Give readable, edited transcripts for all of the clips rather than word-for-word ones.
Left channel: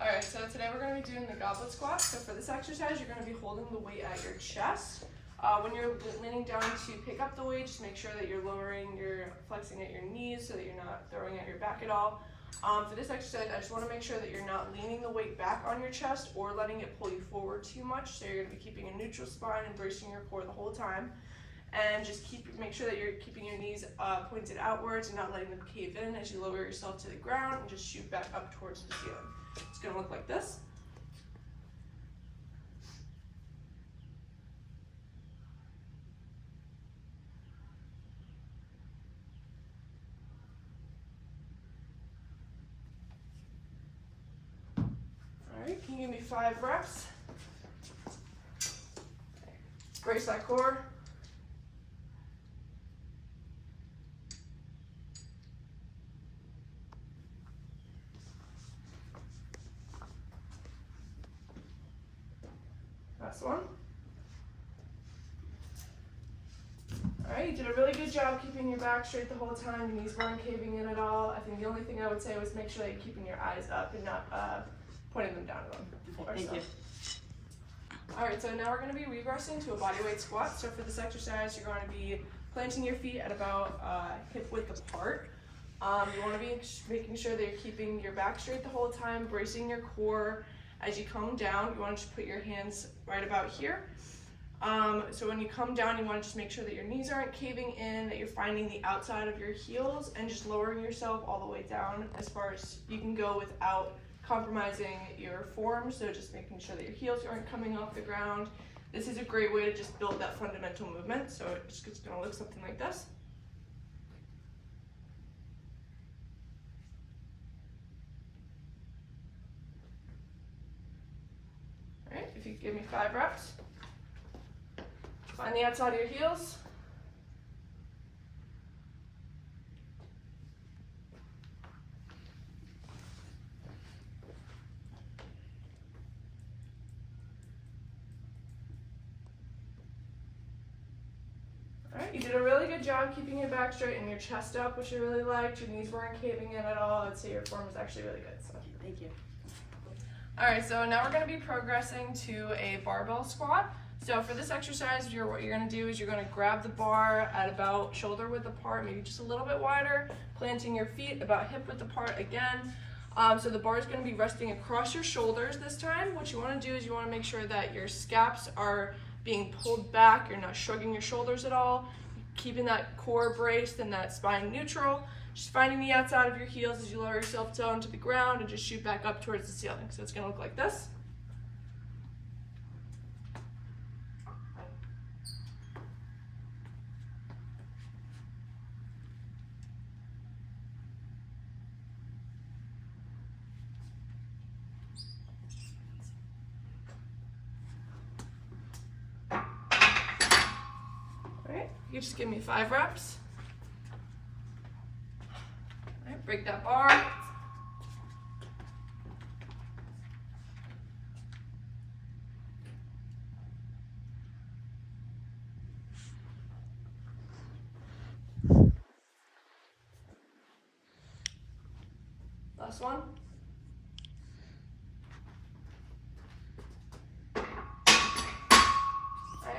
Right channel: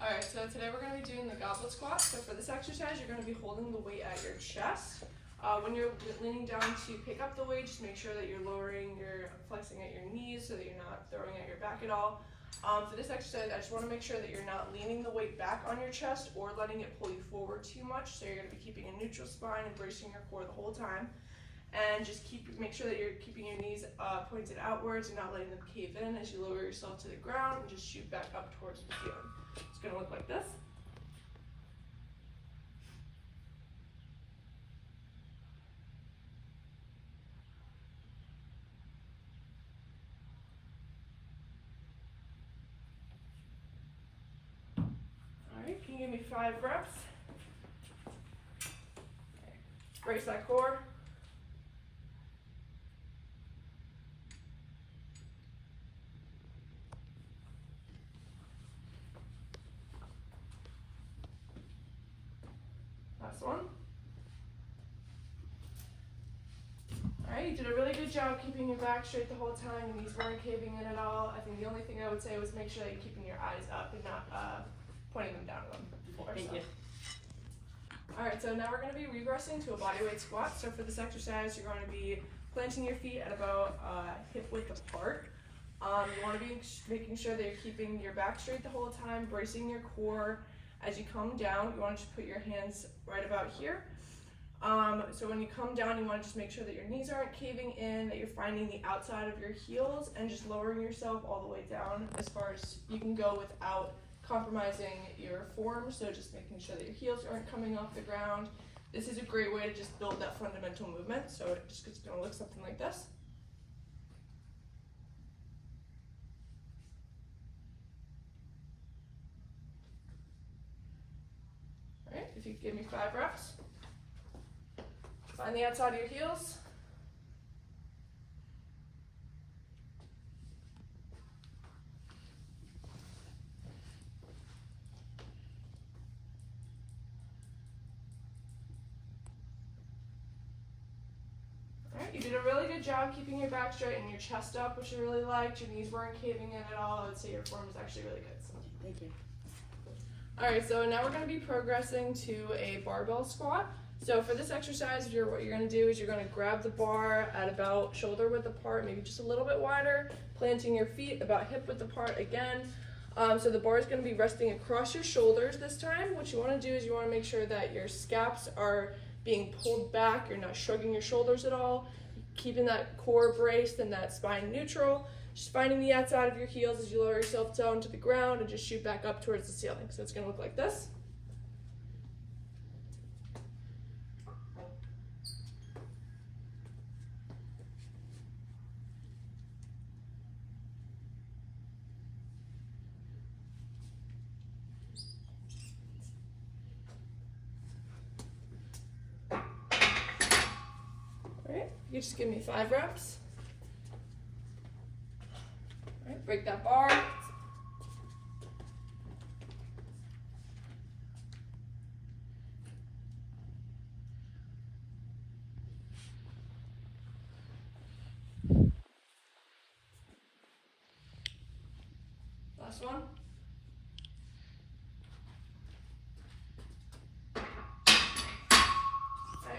Alright, so today we're going to be doing the goblet squat. So for this exercise, you're going to be holding the weight at your chest. When you're leaning down to pick up the weight, just make sure that you're flexing at your knees so that you're not throwing at your back at all. For this exercise, I just want to make sure that you're not leaning the weight back on your chest or letting it pull you forward too much. So you're going to be keeping a neutral spine and bracing your core the whole time. And just make sure that you're keeping your knees pointed outwards and not letting them cave in as you lower yourself to the ground and just shoot back up towards the ceiling. It's going to look like this. Alright, can you give me 5 reps? Brace that core. Last one. Alright, you did a really good job keeping your back straight the whole time. Your knees weren't caving in at all. I think the only thing I would say was make sure that you're keeping your eyes up and not pointing them down on the floor. Thank you. Alright, so now we're going to be regressing to a bodyweight squat. So for this exercise, you're going to be planting your feet at about hip width apart. You want to be making sure that you're keeping your back straight the whole time, bracing your core. As you come down, you want to just put your hands right about here. So when you come down, you want to just make sure that your knees aren't caving in, that you're finding the outside of your heels and just lowering yourself all the way down as far as you can go without compromising your form. So just making sure that your heels aren't coming off the ground. This is a great way to just build that fundamental movement. So it's going to look something like this. Alright, if you give me 5 reps. Find the outside of your heels. Alright, you did a really good job keeping your back straight and your chest up, which I really liked. Your knees weren't caving in at all. I would say your form was actually really good. So. Thank you. Alright, so now we're going to be progressing to a barbell squat. So for this exercise, what you're going to do is you're going to grab the bar at about shoulder width apart, maybe just a little bit wider, planting your feet about hip width apart again. So the bar is going to be resting across your shoulders this time. What you want to do is you want to make sure that your scaps are being pulled back, you're not shrugging your shoulders at all, keeping that core braced and that spine neutral. Just finding the outside of your heels as you lower yourself down to the ground and just shoot back up towards the ceiling. So it's going to look like this. Alright, you just give me 5 reps. Alright, break that bar. Last one.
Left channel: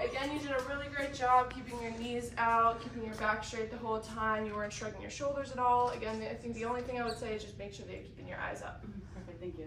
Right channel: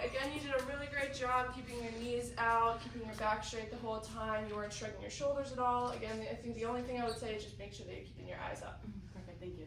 Again, you did a really great job keeping your knees out, keeping your back straight the whole time. You weren't shrugging your shoulders at all. Again, I think the only thing I would say is just make sure that you're keeping your eyes up. Perfect, thank you.